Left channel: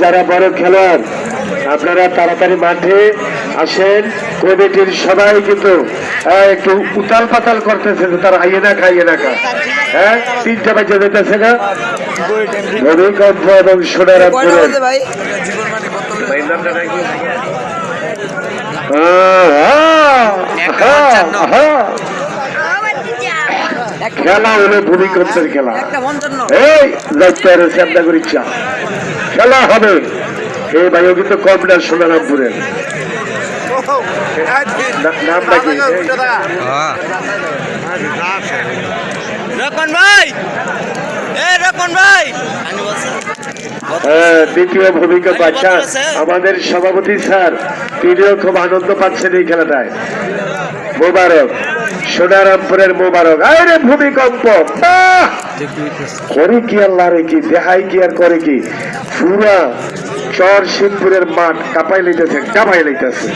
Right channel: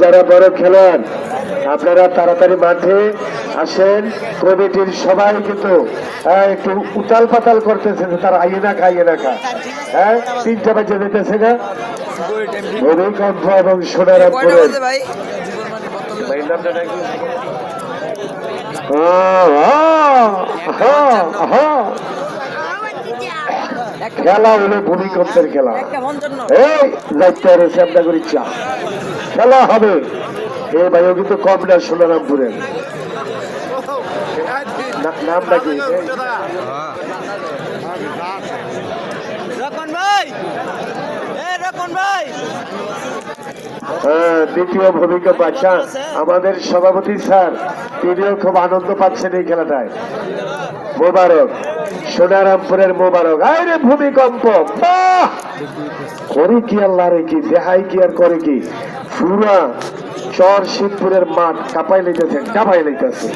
যারা বড় খেলোয়াড় আপনারা তাড়াতাড়ি মাঠে আসেন। কমিটির সবাই কিন্তু একটু উতাল পাতাল করতেছে যে তারা আইয়ে না খাইয়ে না খা। হ্যাঁ, 3টা বাজে যেতেছে না ভূমিকম্প এবং সোনারামপুরের খেলা হলো ভূমিকম্পের খেলা। এই যাইতে পারে আপনাদের ইচ্ছা খেলা হবে। এই ভাই কিন্তু কম না সোনারামপুরের নামটা কি? দ্বিতীয় ভূমিকম্প। আচ্ছা, আমাদের সভাপতি স্যার তিনিও খুব আনন্দ পাচ্ছেন এই খেলাটায়। মোবারক, সোনারামপুরের মোবারক। আরে ভূমিকম্প করে কি আল্লাহ রে, কি দেখাই কি আর করে কি, পুরা চর শিবপুরের মাঠ কাঁপাই লইতেছে।